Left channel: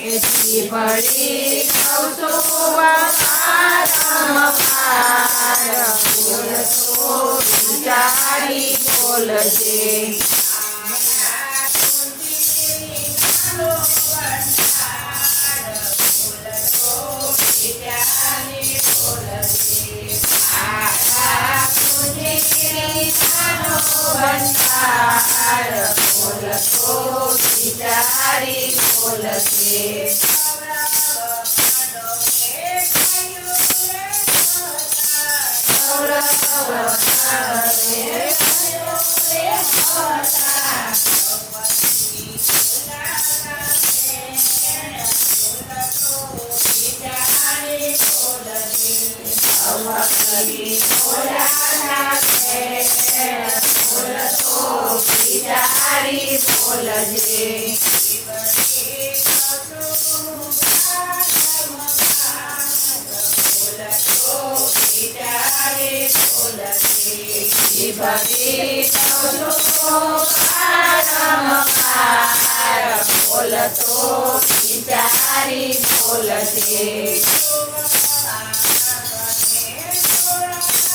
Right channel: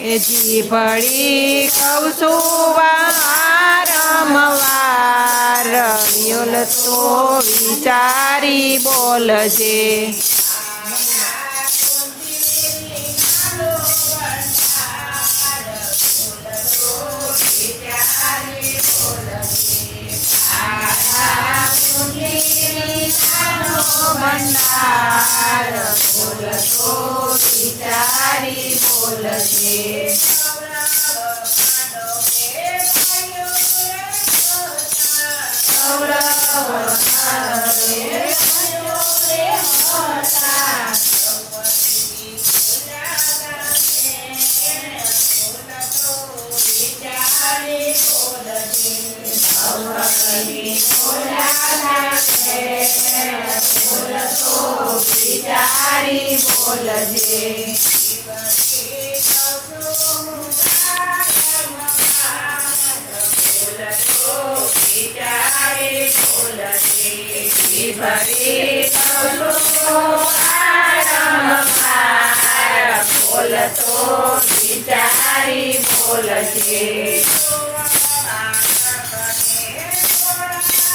એ જીભડી કહું છું વારંવાર યોલ તો વિચારી બોલજે ભંડાર સૌરભ તો વિચારી બોલજે વિચારી બોલજે બોલતો વિચારી બોલજે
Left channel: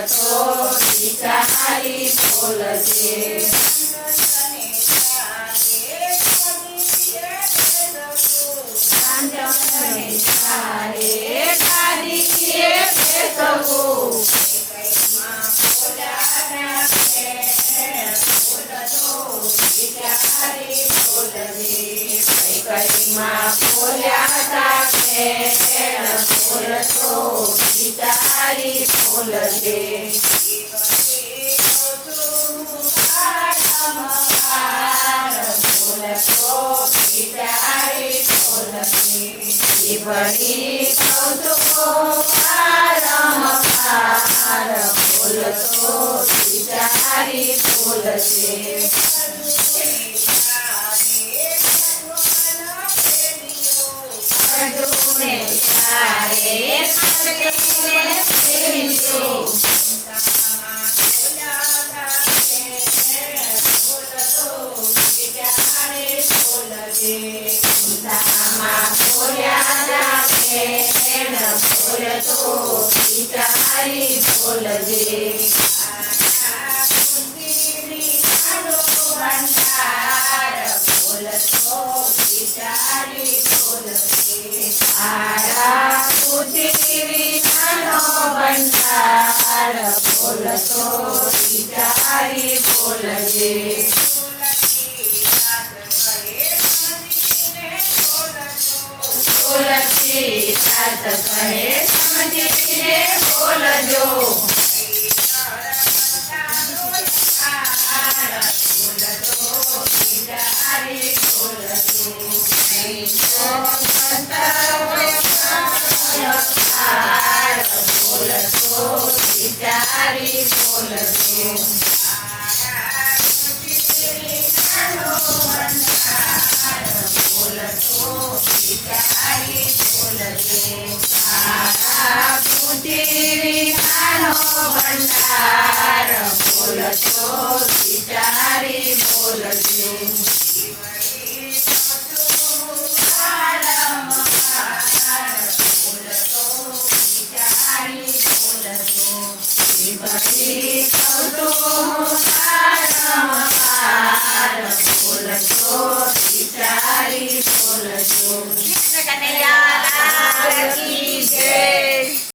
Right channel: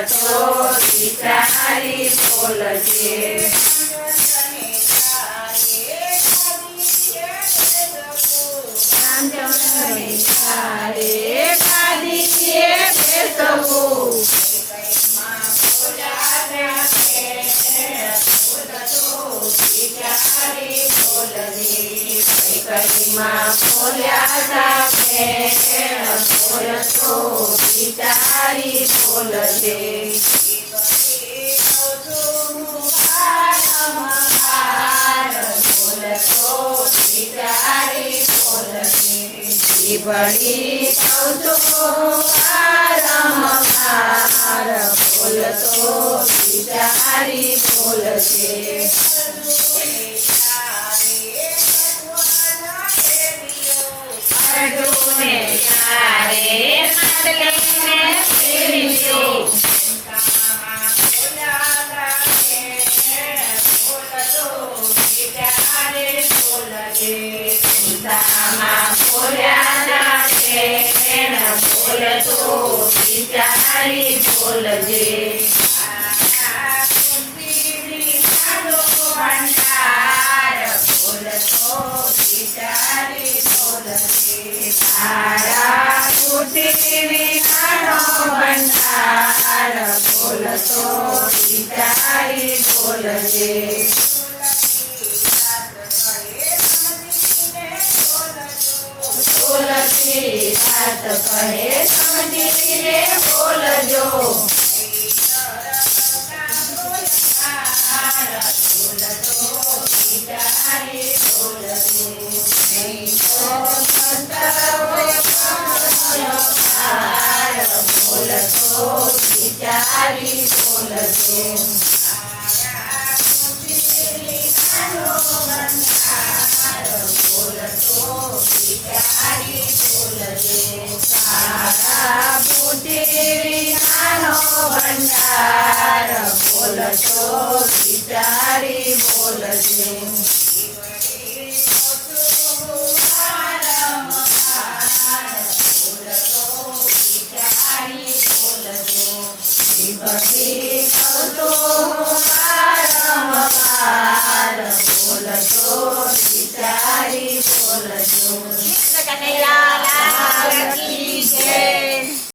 બોલતો વિચારી બોલજે બેસવું કઈમાં ખોલ્યા તારે બોલતો વિચારી બોલજે ભણી કહું છું વારંવાર બોલતો વિચારી બોલજે અર્જુને ત્યારે નાટકને ફેરવ્યો. સીતામાં બોલ્યા જાતે ન બોલતો વિચારી બોલજે ભંડાર બોલતો વિચારી બોલજે તારા વિનાનો ભંડાર બોલતો વિચારી બોલજે કનૈયા લાલ કી જય